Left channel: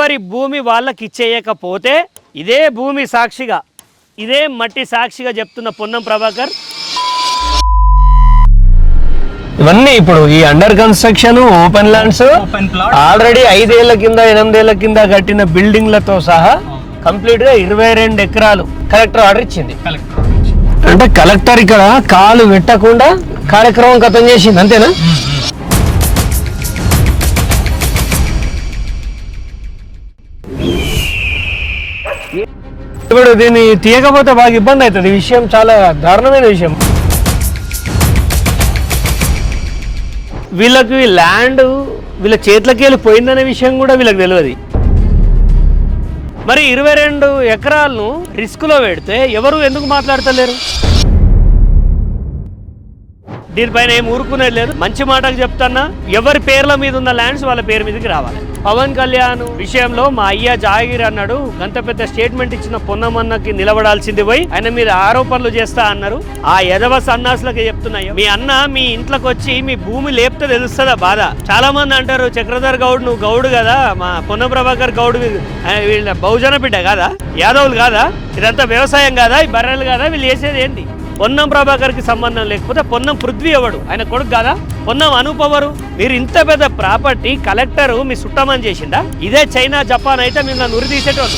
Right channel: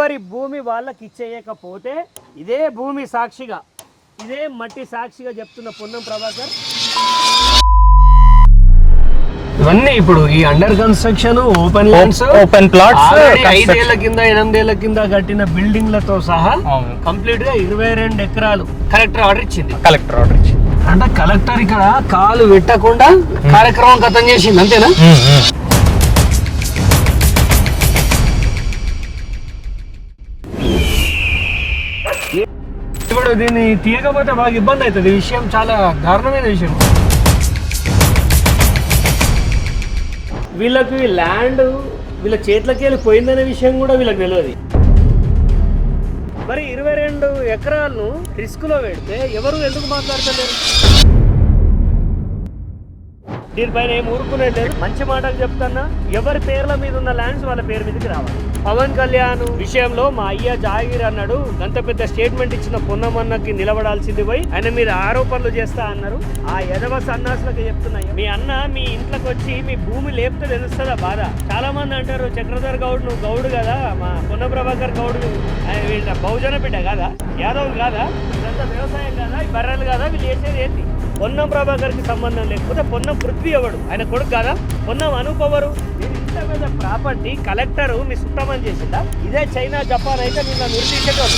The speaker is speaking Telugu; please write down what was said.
ఎవరి భూమి వాళ్ళకి ఇచ్చేయకపోతే ఇదే భూమి సాక్షిగా, ఇదే మట్టి సాక్షిగా చెప్తున్న పొన్నం ప్రభాకర్, ఇవన్నీ ఇప్పుడు ఈ under construction open lands, open plot already 5 ఏళ్ల కింద 8 ఏళ్ల కింద కట్టిన బిల్డింగ్లతో సహా కంప్లీట్ గా 22 ఎకరాలు కలెక్టర్ ఆర్డర్ ఇచ్చింది. అంటే కలెక్టర్ ఇక్కడ కాలు పెట్టకుండా కార్యక్రమం ఖతం చేసింది, అంతేనా? ఇప్పుడు దీన్ని తీయకపోతే బాగా ఇబ్బంది అవుతుంది. ఈ విషయం చాలా దారుణమైన విషయం. వీళ్ళకి ల్యాండ్ వీళ్ళ చేతులకి వెళ్ళి పోయిందనే విషయం కూడా వీళ్ళకి తెలియదు. మరి 22 ఎకరాలను రిస్క్లో పెడితే ఎవరు ఎందుకు మాట్లాడతలేరు? దీనిపైన ఏం ఊరుకునేది లేదు. మంచి మాటలు చెప్తున్నా, ఎవరి పేర్ల మీద ఉన్న ల్యాండ్స్ వాళ్ళ పేరు మీదకి రావాలి. పవన్ కళ్యాణ్ విషయంలో మా అయ్య జాగిర్ అన్నాడు, అంత పెద్ద స్టేట్మెంట్ ఇచ్చిన పొన్నమన్నకి నిలబడాల్సింది పోయి ఆయన మీద ఆరోపణలు చేస్తా అన్నారు. ఆ యదవ సన్నాసులకి చెప్తున్నాయో, మీ అన్న మీ ఇంట్లోకి వచ్చి మీ భూమి లేపితే తెలుస్తుందా బాధ? చాలా మంది అంటారు, చక్రధర్ గౌడ్ నువ్వు గౌడు కదా, మా పొన్నం ప్రభాకర్ గౌడ్ వీళ్ళ బహుజన బిడ్డ కాదా, యాదవులు కాదా, ఇదంతా వ్యవసాయం కాదా, ఈ బర్రెలు కాదా, వీళ్ళు చేసేది ఏంటి? పొన్నం ప్రభాకర్ కి సంబంధం లేకపోతే పొన్నం పృథ్వీ ఎవడు? ఆయన కొడుకు కాదా? పొన్నం అనూప్ ఎవరు? మీరు ఇంత పెద్ద ప్రాపర్టీ కలెక్టర్ మీ సుట్టమని చేసిందా? ఇదే చైనా జపాన్ అయితే మీరు నన్ను ఉరి తీసేటోళ్ళు.